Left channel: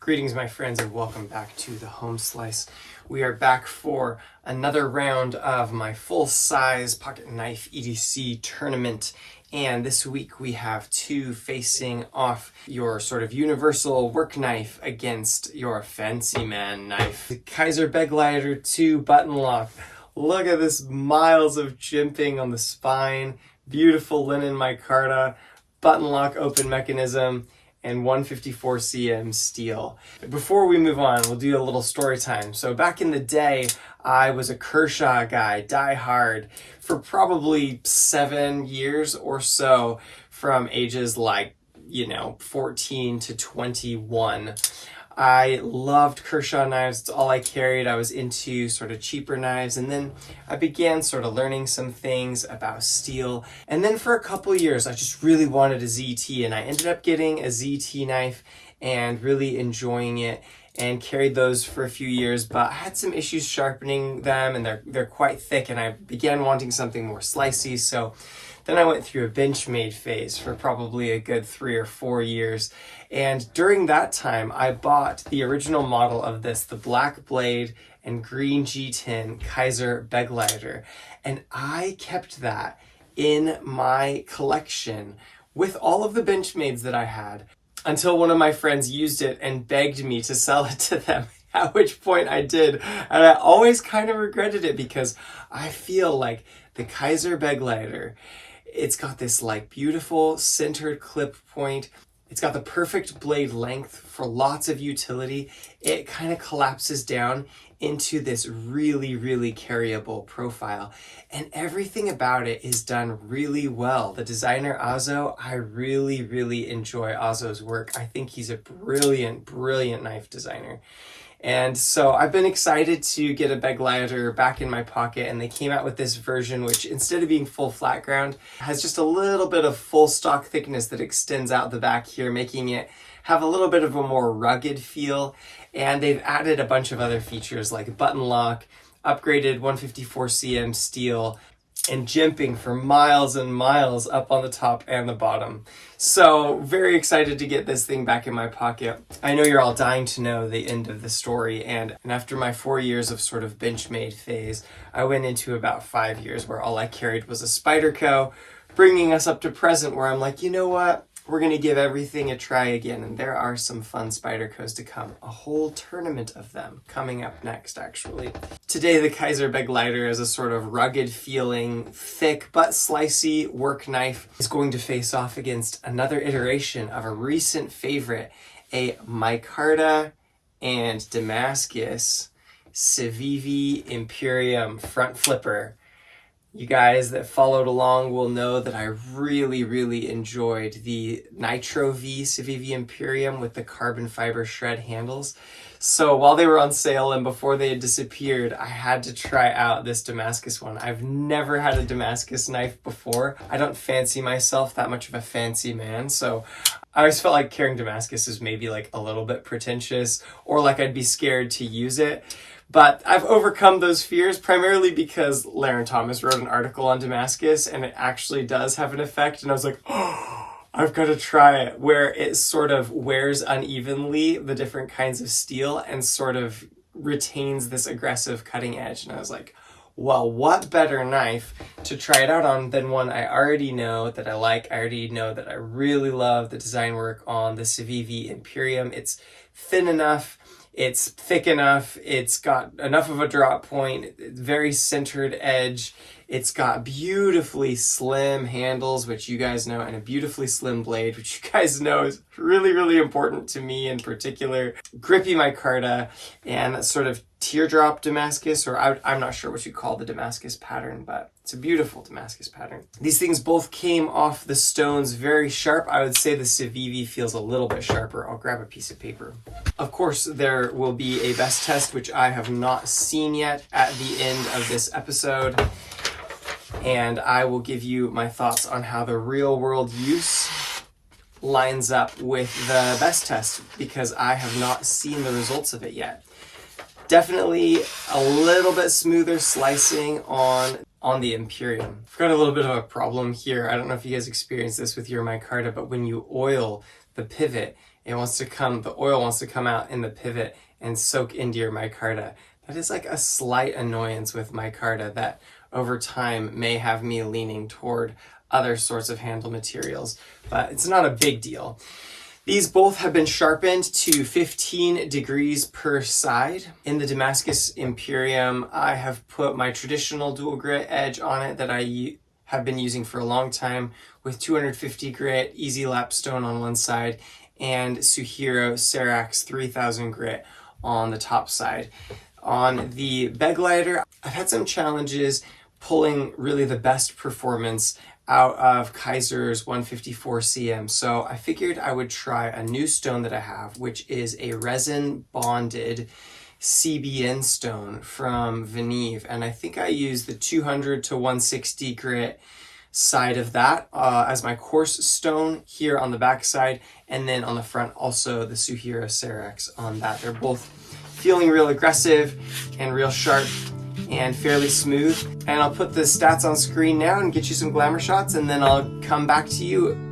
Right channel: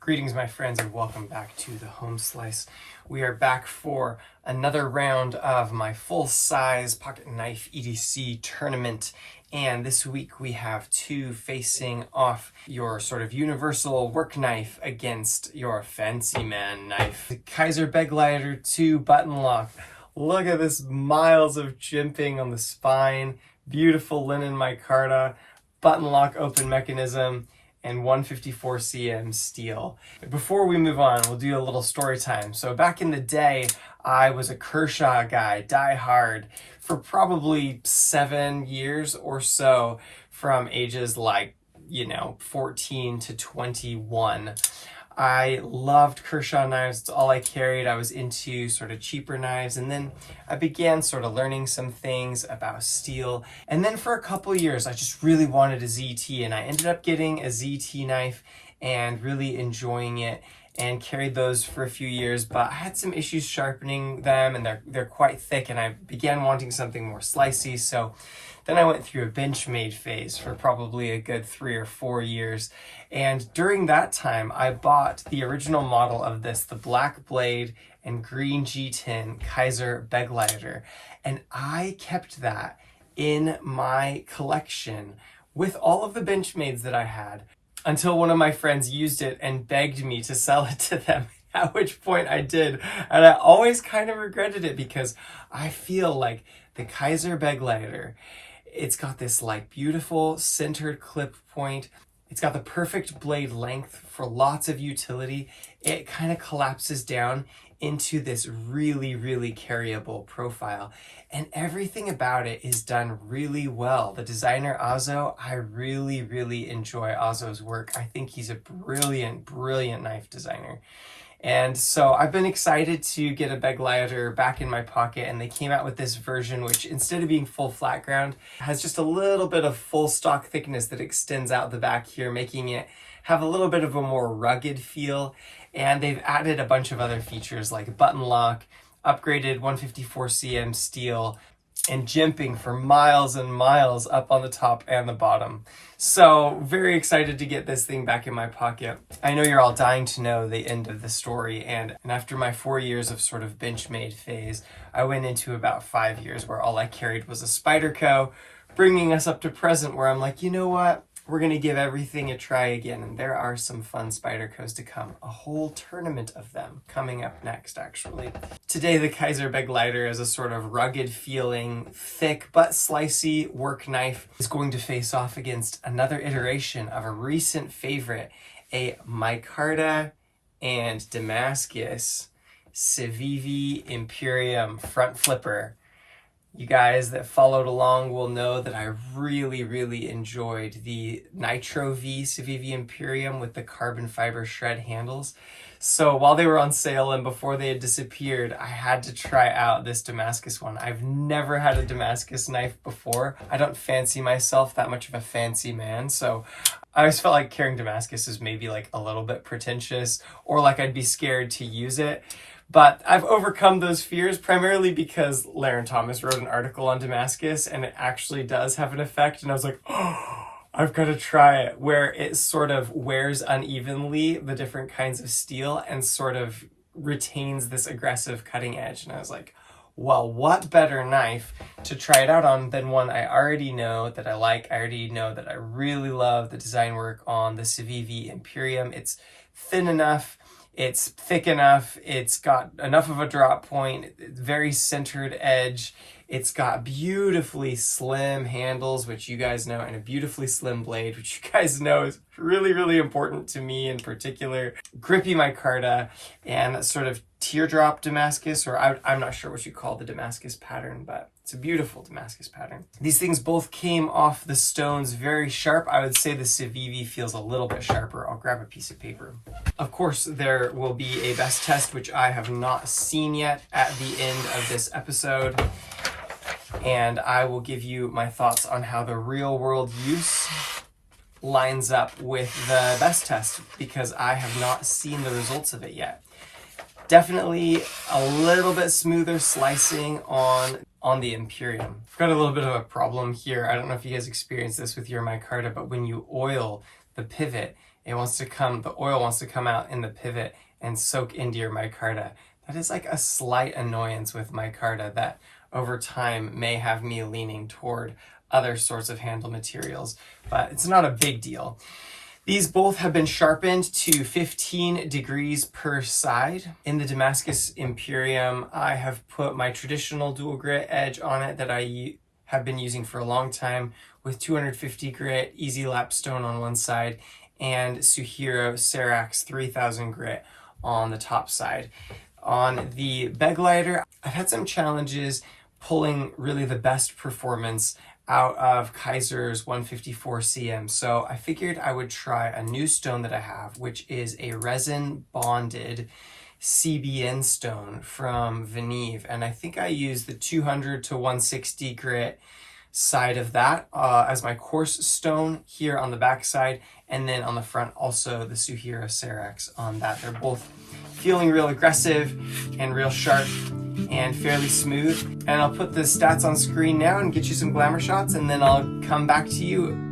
Greetings, my friends, and welcome back to the Home Slice. We are back for another round of my full-size pocket knife EDC tournament. And this week we have two facing off: your sort of universal work knife against your fancy man knife. The Kizer Begleiter 2 button lock. Look at this miles of jimping on the spine, beautiful linen micarta, button lock open mechanism, and 154 cm steel. Before we move on, we'll do a little story time. So back in the day, I was a Kershaw guy, die hard, for probably 7 years or so, from ages 14 to 21. I loved Kershaw knives. It's all I carried. I was into sort of cheaper knives, and then I began sort of learning some things about steel. And then for a couple years, I just really wanted a ZT, and I ended up getting a ZT knife and really enjoying it, and carried those for a few years, but I had some issues sharpening them, and they're quite thick, and I began wanting something more slicey. So then I went through a Benchmade phase for probably a good 3 or 4 years. And during that time, I bought the original model of this, the black blade and green G10 Kizer Begleiter. And I kept that in my collection with all of the Benchmades that I had until one of my friends used it and begged me to sell it to them. At which point I did. And I always kind of regretted it because I feel like the Kizer Begleiter, it's got this beautiful centered clip point. It's got the perfect blade length for lots of utility. It kind of collapses down into this really, really carryable profile. And everything about it is done really well. The designer Azo, I really, really enjoy Azo's work. I think he's a brilliant, brilliant knife designer. And so I've been excited to get a Begleiter back in my pocket, and they came out with this version which, instead of being full flat ground, has just a little bit of full stock thickness that extends out the back here, making it have a little bit of a more rugged feel. And they've added a bunch of other features like button lock, upgraded 154 cm steel, and jimping for miles and miles up on the top and the bottom. So very excited to get this thing back in my pocket. I know you're all dying to know the end of the story, and after my 4 years of sort of Benchmade phase, I went into about 5 years where all I carried was a Spyderco, bringing us up to present where I'm like, you know what? We're going to give everything a try again, and there are some fun Spydercos to come. A whole tournament of them coming up next, actually. Today, the Kizer Begleiter is a sort of rugged feeling, thick but slicey work knife. Is going to face off against another iteration of a recent favorite, a micarta and Damascus Civivi Imperium front flipper. You guys that followed along will know that I really, really enjoyed the Nitro V Civivi Imperium with the carbon fiber shred handles. So while they were on sale and before they had disappeared, I had to try out this Damascus one. I've never had a Damascus knife before. I don't fancy myself that much of a fancy man, so I always felt like carrying Damascus is maybe a little bit pretentious, or I'd be scared to use it. But I've overcome those fears primarily because Laren Thomas wrote an article on Damascus, and it actually does have an effect. And I was like, oh, I've got to try it, where it sort of wears unevenly the different kinds of steel and sort of retains this aggressive cutting edge. And I was like, well, what better knife to try it out on than one I already know that I like. I already know that I really love the design work on the Civivi Imperium. It's thin enough. It's thick enough, it's got enough of a drop point, very centered edge, it's got beautifully slim handles, which you guys know, and a beautifully slim blade, which you guys know is really, really important to me in particular. Grippy micarta, and sort of teardrop Damascus, or I'm not sure what you call the Damascus pattern, but it's a beautiful Damascus pattern. These things both came off the stones very sharp. I would say the Civivi feels a little bit sharper. I'll grab a piece of paper. Of course, there will be a BESS test, which I have not seen yet, at the end of this episode. And I will give you my thoughts on how the real world use lines up with the BESS test, because I have not seen the results of it yet. Definitely a little bit smoother slicing on the Imperium. I've got a little bit of a problem here. I don't know if you guys experience this with your micarta, but when you oil the pivot, it wants to come, the oil wants to come out in the pivot and soak into your micarta. That is like a slight annoyance with micarta that over time may have me leaning toward other sorts of handle materials, but it's not a big deal. These both have been sharpened to 15 degrees per side. In the Damascus Imperium, I have put my traditional dual grit edge on it that I have been using for a long time with 250 grit easy lapstone on one side and Suhiro Serax 3000 grit on the top side. On the Begleiter, I've had some challenges pulling really the best performance out of Kizer's 154 cm. So I figured I would try a new stone that I have, which is a resin bonded CBN stone from Venive. And I think I use the 200 to 160 grit side of that as my coarse stone here on the back side. And then on the front, also the Suhiro Serax on that. They're both feeling real aggressive and real sharp and fairly smooth. And I'll put the stats on screen now and get you some glamour shots, and then I'll come back to you.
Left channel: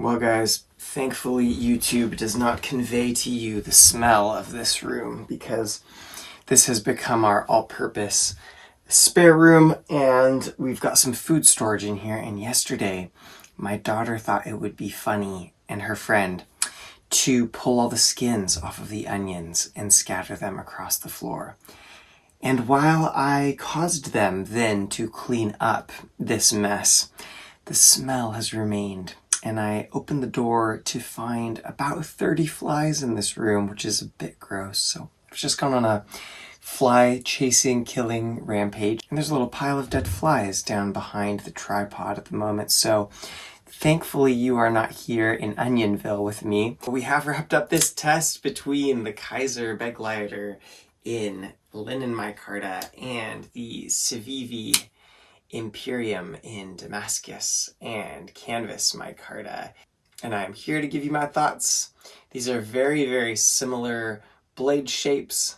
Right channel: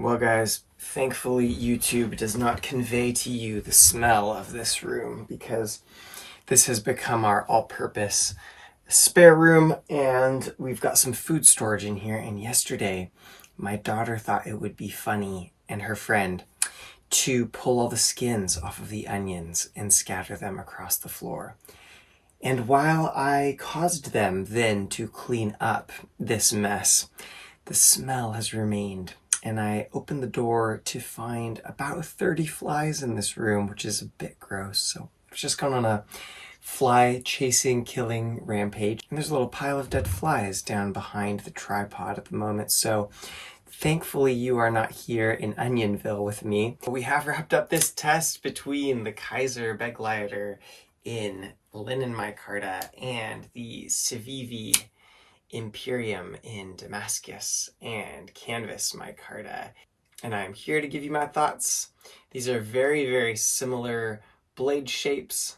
Well guys, thankfully YouTube does not convey to you the smell of this room, because this has become our all-purpose spare room, and we've got some food storage in here. And yesterday my daughter thought it would be funny, and her friend, to pull all the skins off of the onions and scatter them across the floor. And while I caused them then to clean up this mess, the smell has remained. And I opened the door to find about 30 flies in this room, which is a bit gross. So I've just gone on a fly chasing, killing rampage. And there's a little pile of dead flies down behind the tripod at the moment. So thankfully you are not here in Onionville with me. We have wrapped up this test between the Kizer Begleiter in Linen Micarta and the Civivi Imperium in Damascus and Canvas Micarta, and I'm here to give you my thoughts. These are very, very similar blade shapes,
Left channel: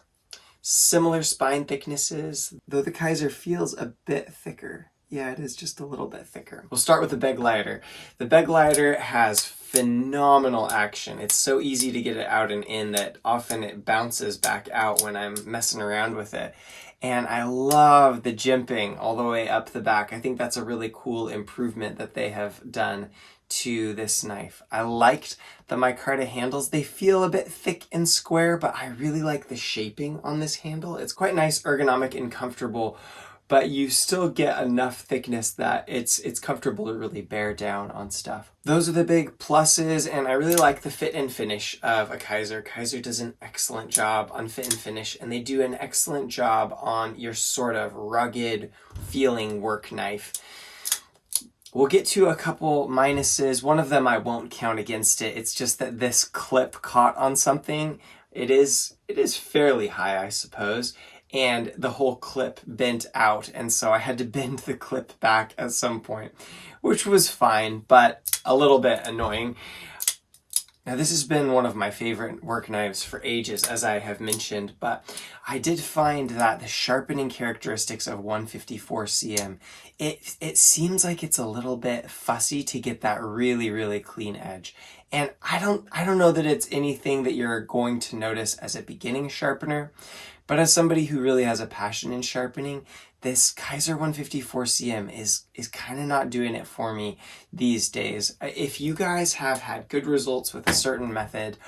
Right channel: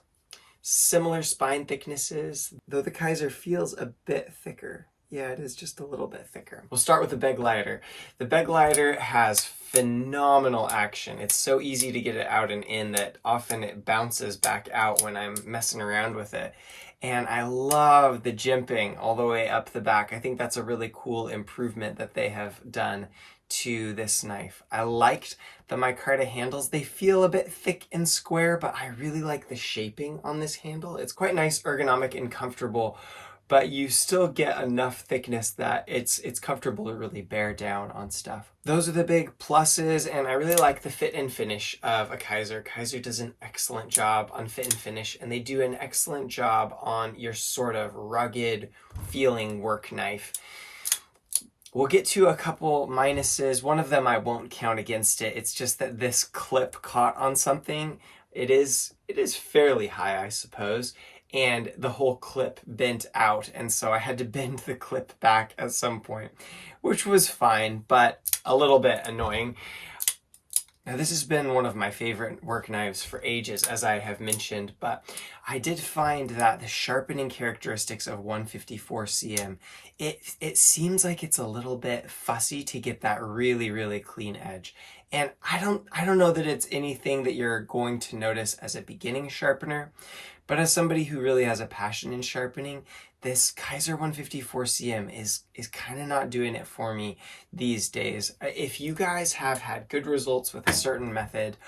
similar spine thicknesses, though the Kizer feels a bit thicker. Yeah, it is just a little bit thicker. We'll start with the Begleiter. The Begleiter has phenomenal action. It's so easy to get it out and in that often it bounces back out when I'm messing around with it. And I love the jimping all the way up the back. I think that's a really cool improvement that they have done to this knife. I liked the micarta handles. They feel a bit thick and square, but I really like the shaping on this handle. It's quite nice, ergonomic, and comfortable, but you still get enough thickness that it's comfortable to really bear down on stuff. Those are the big pluses, and I really like the fit and finish of a Kizer. Kizer does an excellent job on fit and finish, and they do an excellent job on your sort of rugged feeling work knife. We'll get to a couple minuses. One of them I won't count against it. It's just that this clip caught on something. It is fairly high, I suppose, and the whole clip bent out, and so I had to bend the clip back at some point, which was fine, but a little bit annoying. Now, this has been one of my favorite work knives for ages, as I have mentioned, but I did find that the sharpening characteristics of 154 cm, it seems like it's a little bit fussy to get that really, really clean edge. And I don't know that it's anything that you're going to notice as a beginning sharpener, but as somebody who really has a passion in sharpening, this Kizer 154 cm is kind of not doing it for me these days. If you guys have had good results with a certain method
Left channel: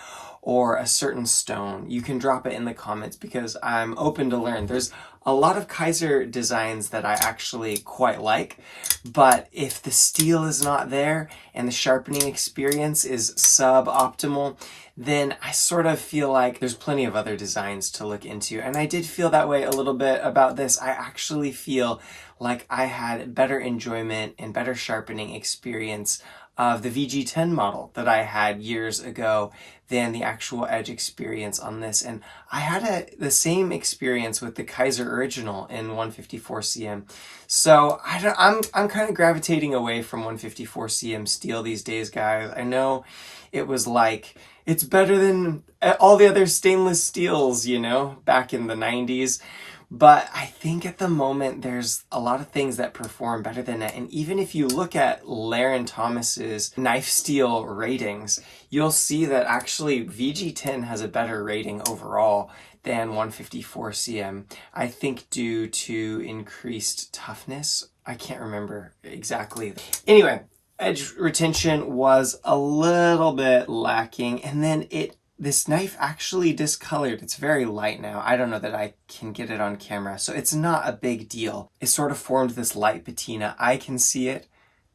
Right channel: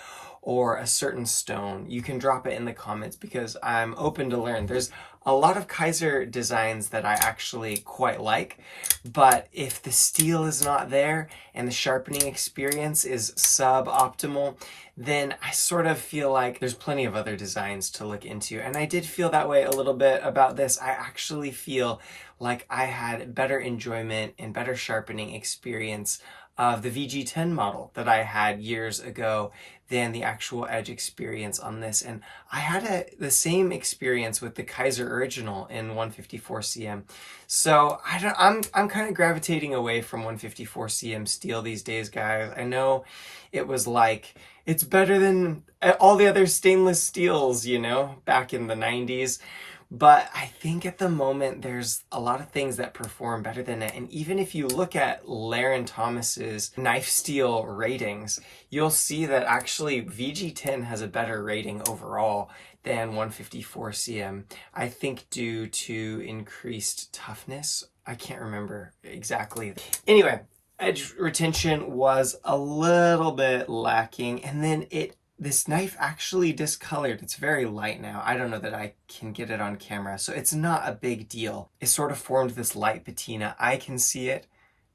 or a certain stone, you can drop it in the comments because I'm open to learn. There's a lot of Kizer designs that I actually quite like, but if the steel is not there and the sharpening experience is suboptimal, then I sort of feel like there's plenty of other designs to look into. And I did feel that way a little bit about this. I actually feel like I had better enjoyment and better sharpening experience of the VG10 model that I had years ago than the actual edge experience on this. And I had the same experience with the Kizer original in 154 cm. So I'm kind of gravitating away from 154 cm steel these days, guys. I know it was like, it's better than all the other stainless steels, you know, back in the 90s. But I think at the moment, there's a lot of things that perform better than it. And even if you look at Laren Thomas's knife steel ratings, you'll see that actually VG10 has a better rating overall than 154 cm. I think due to increased toughness. I can't remember exactly. Anyway, edge retention was a little bit lacking, and then this knife actually discolored. It's very light now. I don't know that I can get it on camera, so it's not a big deal. It sort of formed this light patina. I can see it,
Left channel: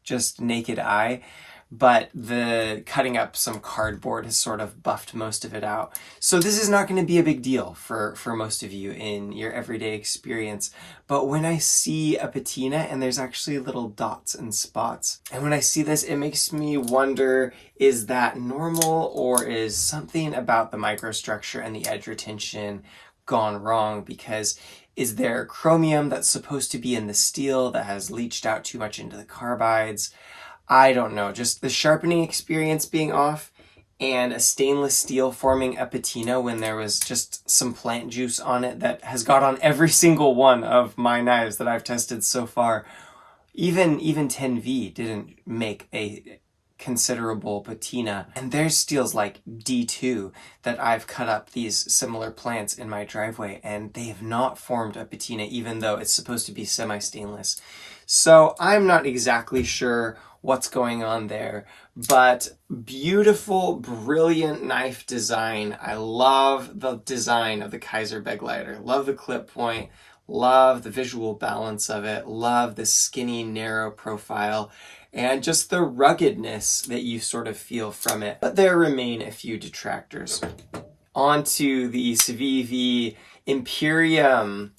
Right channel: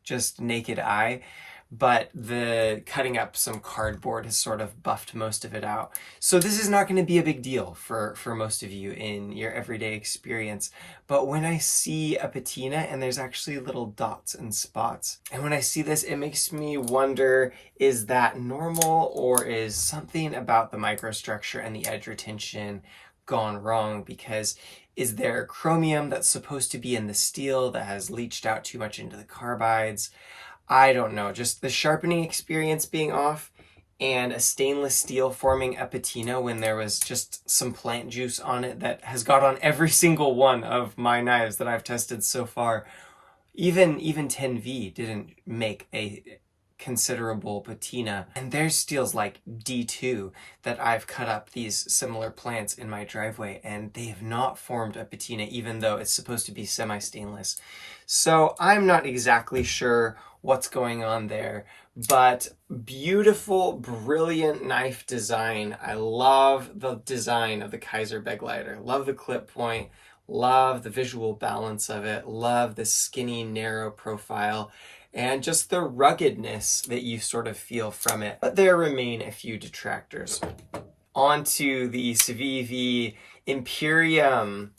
just naked eye, but the cutting up some cardboard has sort of buffed most of it out. So this is not going to be a big deal for most of you in your everyday experience. But when I see a patina and there's actually little dots and spots, and when I see this, it makes me wonder, is that normal, or is something about the microstructure and the edge retention gone wrong? Because is there chromium that's supposed to be in the steel that has leached out too much into the carbides? I don't know, just the sharpening experience being off and a stainless steel forming a patina when there was just some plant juice on it that has got on every single one of my knives that I've tested so far. Even 10V didn't make a considerable patina, and there's steels like D2 that I've cut up these similar plants in my driveway, and they have not formed a patina even though it's supposed to be semi-stainless. So I'm not exactly sure what's going on there, but beautiful, brilliant knife design. I love the design of the Kizer Begleiter. Love the clip point, love the visual balance of it, love the skinny, narrow profile, and just the ruggedness that you sort of feel from it. But there remain a few detractors. On to the Civivi Imperium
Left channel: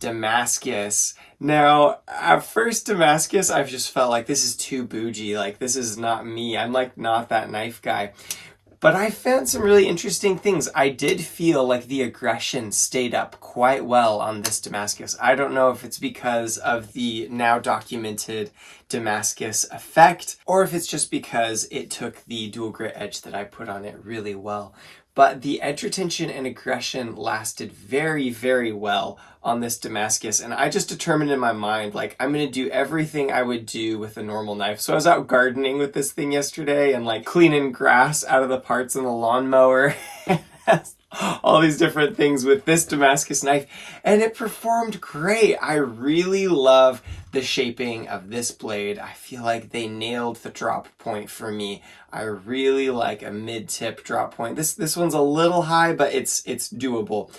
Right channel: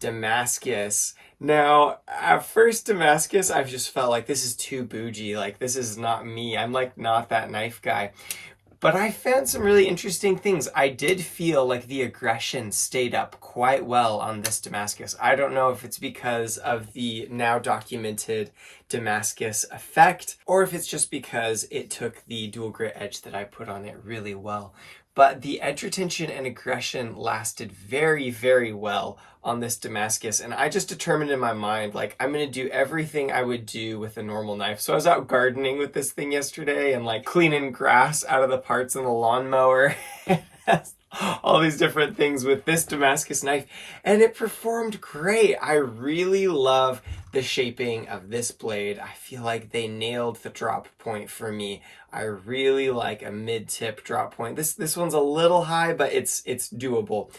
Damascus. Now, at first Damascus, I've just felt like this is too bougie. Like, this is not me. I'm like not that knife guy. But I found some really interesting things. I did feel like the aggression stayed up quite well on this Damascus. I don't know if it's because of the now documented Damascus effect, or if it's just because it took the dual grit edge that I put on it really well. But the edge retention and aggression lasted very, very well on this Damascus. And I just determined in my mind, like, I'm going to do everything I would do with a normal knife. So I was out gardening with this thing yesterday and like cleaning grass out of the parts in the lawnmower. All these different things with this Damascus knife, and it performed great. I really love the shaping of this blade. I feel like they nailed the drop point for me. I really like a mid-tip drop point. This one's a little high, but it's doable.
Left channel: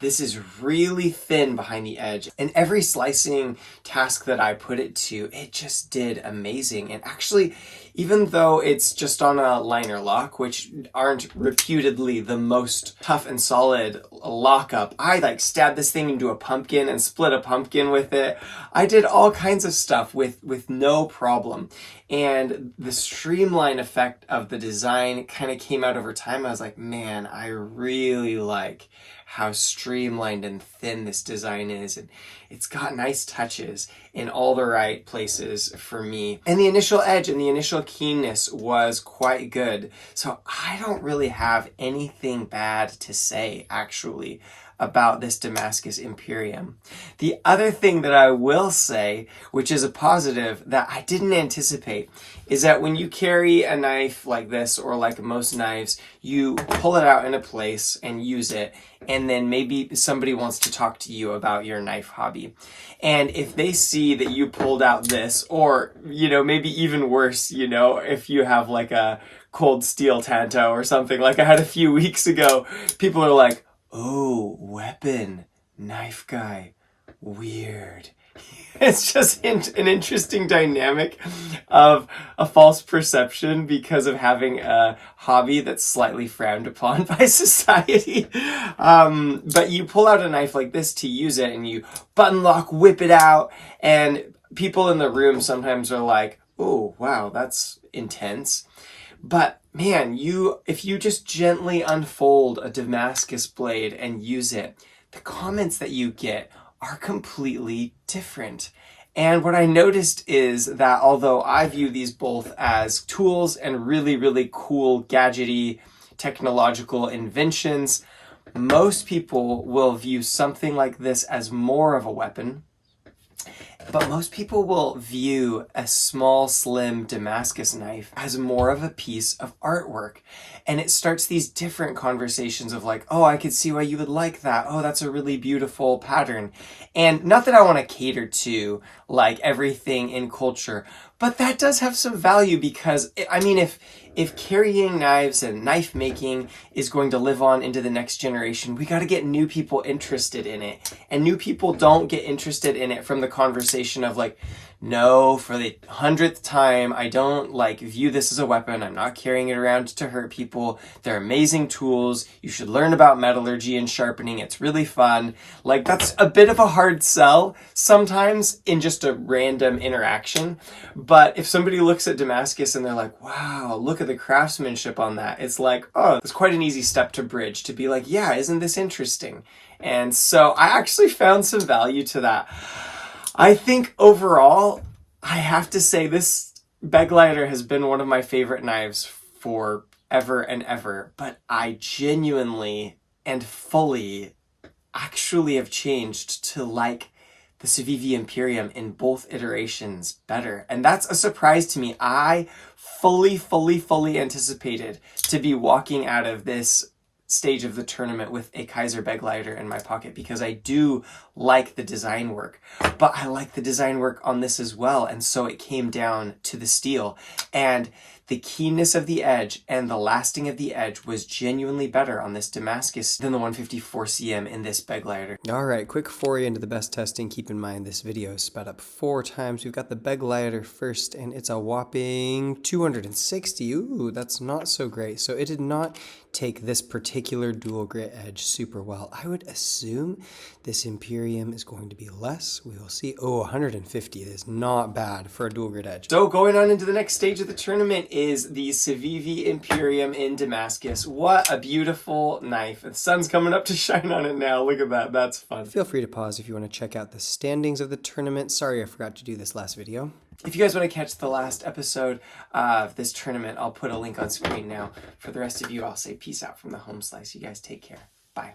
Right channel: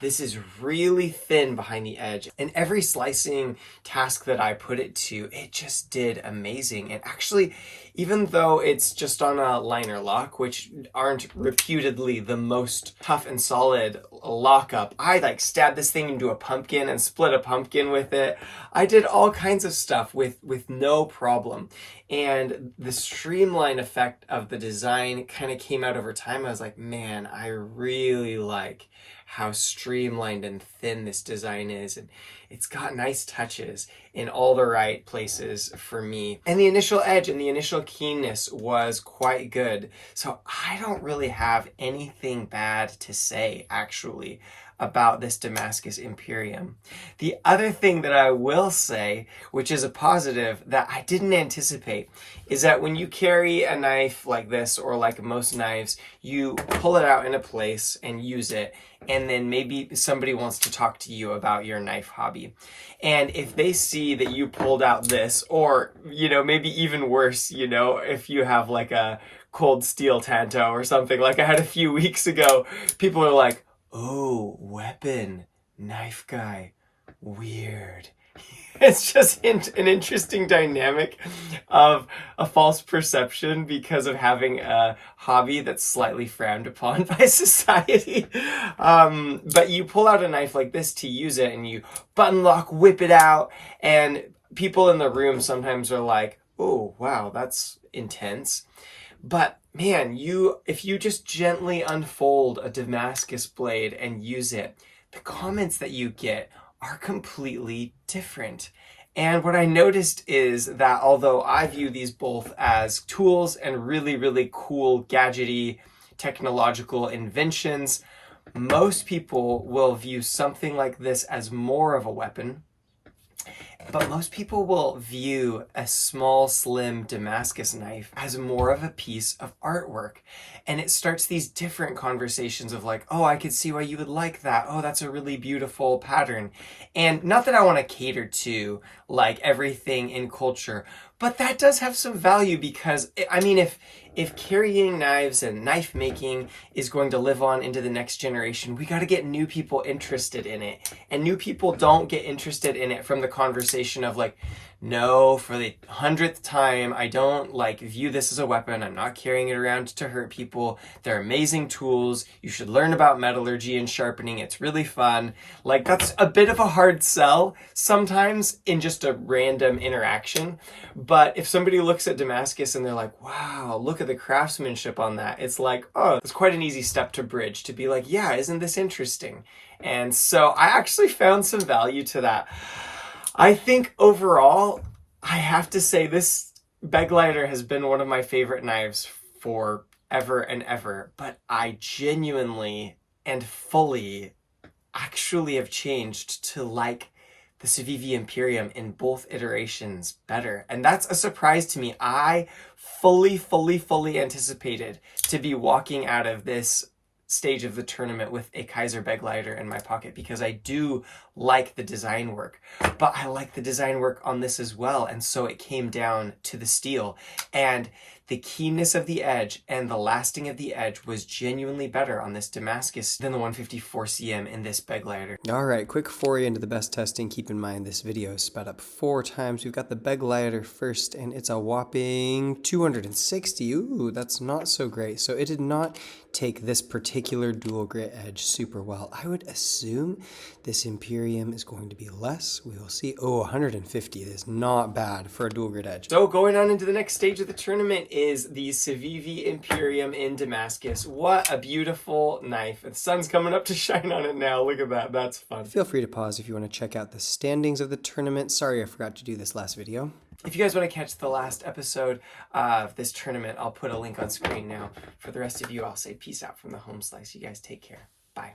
This is really thin behind the edge, and every slicing task that I put it to, it just did amazing. And actually, even though it's just on a liner lock, which aren't reputedly the most tough and solid lockup. I like stabbed this thing into a pumpkin and split a pumpkin with it. I did all kinds of stuff with no problem. And the streamline effect of the design kind of came out over time. I was like, man, I really like how streamlined and thin this design is, and it's got nice touches in all the right places for me. And the initial edge and the initial keenness was quite good. So I don't really have anything bad to say, actually, about this Damascus Imperium. The other thing that I will say, which is a positive that I didn't anticipate, is that when you carry a knife like this, or like most knives, you pull it out in a place and use it, and then maybe somebody wants to talk to you about your knife hobby. And if they see that you pulled out this, or, you know, maybe even worse, you know, if you have like a cold steel Tanto or something like I had a few weeks ago, people are like, oh, weapon, knife guy, weird. It's just an interesting dynamic of a false perception because of having a hobby that's slightly frowned upon by society. But you pull out a knife like this to use it, and you button lock, whip it out, and people in the room sometimes are like, oh, wow, that's intense. But man, if you just gently unfold a Damascus blade and use it, the comments that you get are completely different. And what I noticed is that although I view these both as tools and really, really cool, gadgety, technological inventions, most people will view something like this as more of a weapon. But most people will view a small, slim Damascus knife as more of a piece of artwork. And it starts these different conversations of like, oh, I could see why you would like that. Oh, that's a really beautiful pattern. And not that I want to cater to like everything in culture, but that does have some value because, I mean, if carrying knives and knife making is going to live on into the next generation, we got to get new people interested in it. And new people don't get interested in it from the conversation of like, no, for the 100th time, I don't like view this as a weapon. I'm not carrying it around to hurt people. They're amazing tools. You should learn about metallurgy and sharpening. It's really fun. Like, that's a bit of a hard sell sometimes in just a random interaction. But if somebody looks at Damascus and they're like, wow, look at the craftsmanship on that, it's like, oh, it's quite an easy step to bridge to be like, yeah, isn't this interesting? And so I actually found some value to that. I think overall, I have to say this Begleiter has been one of my favorite knives forever and ever, but I genuinely and fully actually have changed to like the Civivi Imperium in both iterations better. And that's a surprise to me. I fully anticipated to be walking out of this stage of the tournament with a Kizer Begleiter in my pocket because I do like the design work, but I like the design work on this as well. And so it came down to the steel, and the keenness of the edge and the lasting of the edge was genuinely better on this Damascus than the 154 cm in this Begleiter. All right, quick foray into the BESS testing. Keep in mind this video is sped up 4 times. We've got the Begleiter first, and it's a whopping 260. Ooh, that's not so great. So it did not take this particular dual grit edge super well. I would assume this Imperium is going to be less. We will see. Oh, 150 is not bad for a dual grit edge. So going on into the next stage of the tournament is the Civivi Imperium in Damascus. What a beautiful knife. The sun's coming up to shine on it now. Look at that. That's fun. Feel free to pause if you want to check out the standings of the tournament. Sorry I forgot to do this last video. If you guys want to catch the last episode of this tournament, I'll put a link on screen now. For the rest of you, I'll say peace out from the home slice. You guys take care. Bye.